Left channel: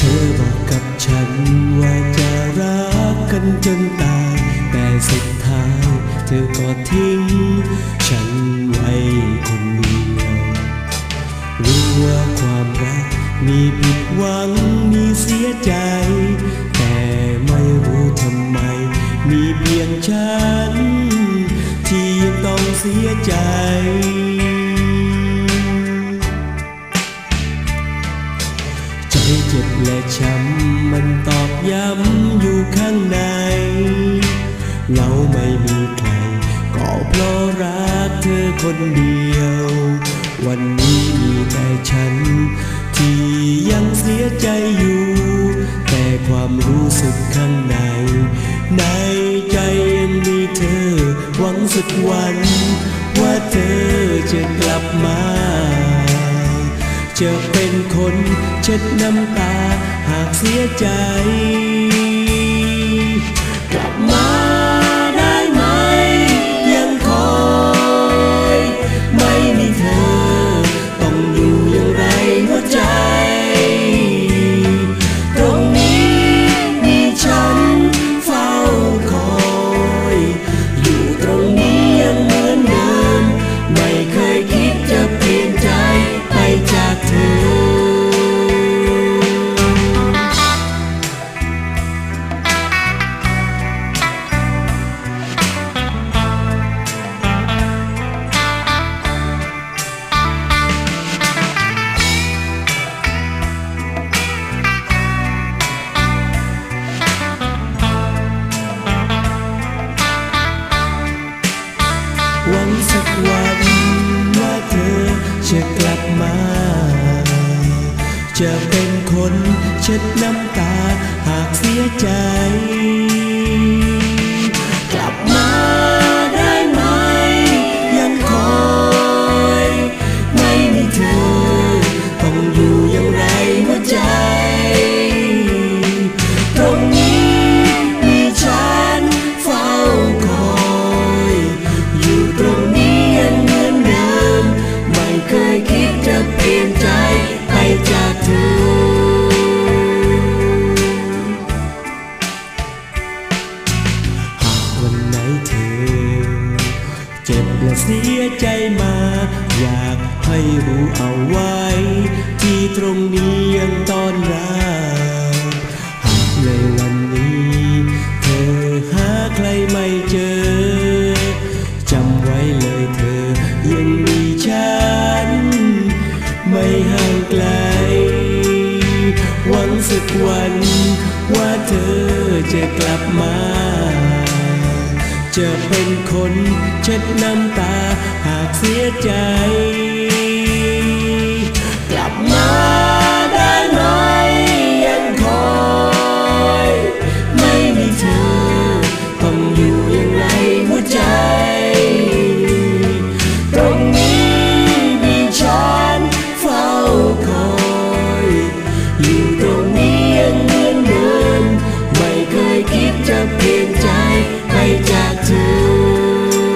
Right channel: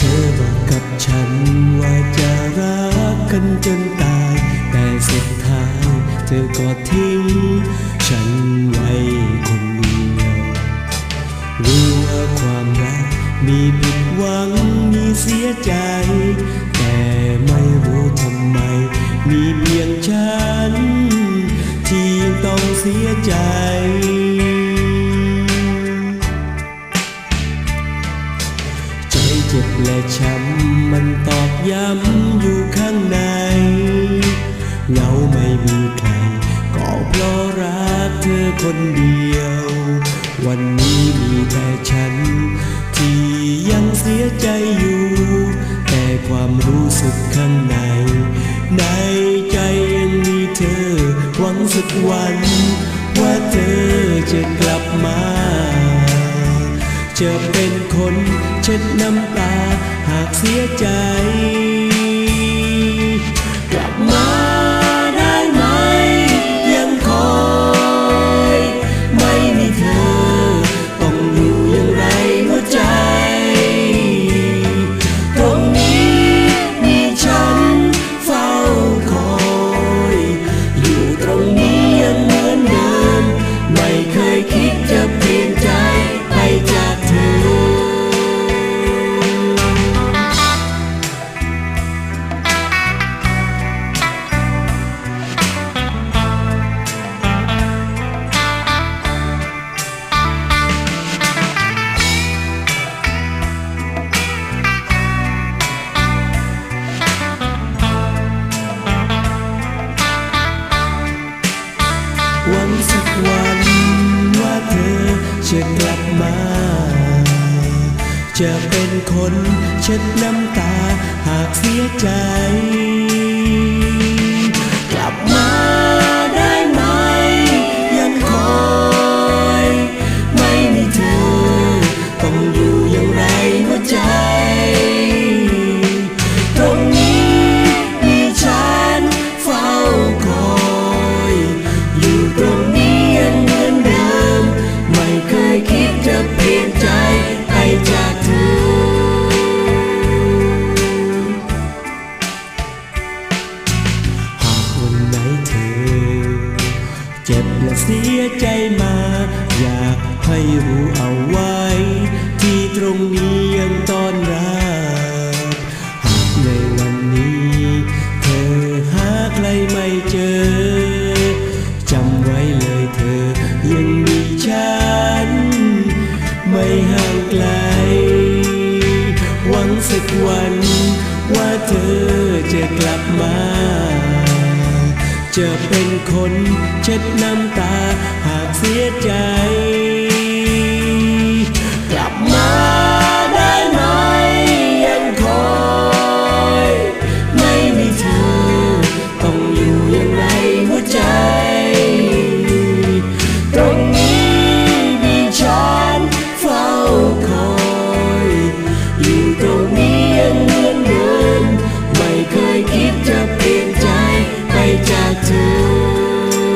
เธอบอกกับฉันว่าจะรักกันจนตาย แต่สุดท้ายเธอก็ทิ้ง ฉันไว้คนเดียว รู้ว่าความรักมีผิดหวังมีเสียใจ แต่ไม่รู้ทำไม มีเพียงฉัน ที่ยังต้องเสียใจ ใจเจ็บและช้ำมันตอกย้ำอยู่ข้างใน เงาไม่มีใคร ก็เพราะรักเธอคนเดียว วันนี้มีแต่ฉัน ที่ยังเสียใจอยู่ แต่ความรู้สึกข้างใน ในใจยังมีเธอ หวังสักวัน ว่าเธอจะกลับมา จะเป็นคนเช็ดน้ำตาหากเสียใจ กลับมาได้ไหม ยังคอย ไม่มีเธอ ต้องอยู่อย่างไรหัวใจ ตรงนี้มีฉันเฝ้าคอย อยู่ตรงนี้ยังเหมือนเดิม ไม่เคยคิดจะเปลี่ยนใจไปจากเธอ หวังสักวันว่าเธอจะกลับมา จะเป็นคนเช็ดน้ำตาหากเสียใจ กลับมาได้ไหม ยังคอย ไม่มีเธอ ต้องอยู่อย่างไรหัวใจ ตรงนี้มีฉันเฝ้าคอย อยู่ตรงนี้ยังเหมือนเดิม ไม่เคยคิดจะเปลี่ยนใจไปจากเธอหากวันไหนเธอ เจ็บและเสียใจมา อยากให้รู้เอาไว้ ที่ตรงนี้ยังต้อนรับหาก ในวันนี้ เธอหาใครไม่เจอ จำไว้เลยเธอยังมีฉัน ไม่ห่างไกล หวังสักวัน ว่าเธอจะกลับมาจะเป็นคนเช็ดน้ำตาหากเสียใจ กลับมา เธอ ต้องอยู่อย่างไรหัวใจ ตรงนี้มีฉันเฝ้าคอย อยู่ตรงนี้ยังเหมือนเดิม ไม่เคยคิดจะเปลี่ยนใจไปจากเธอ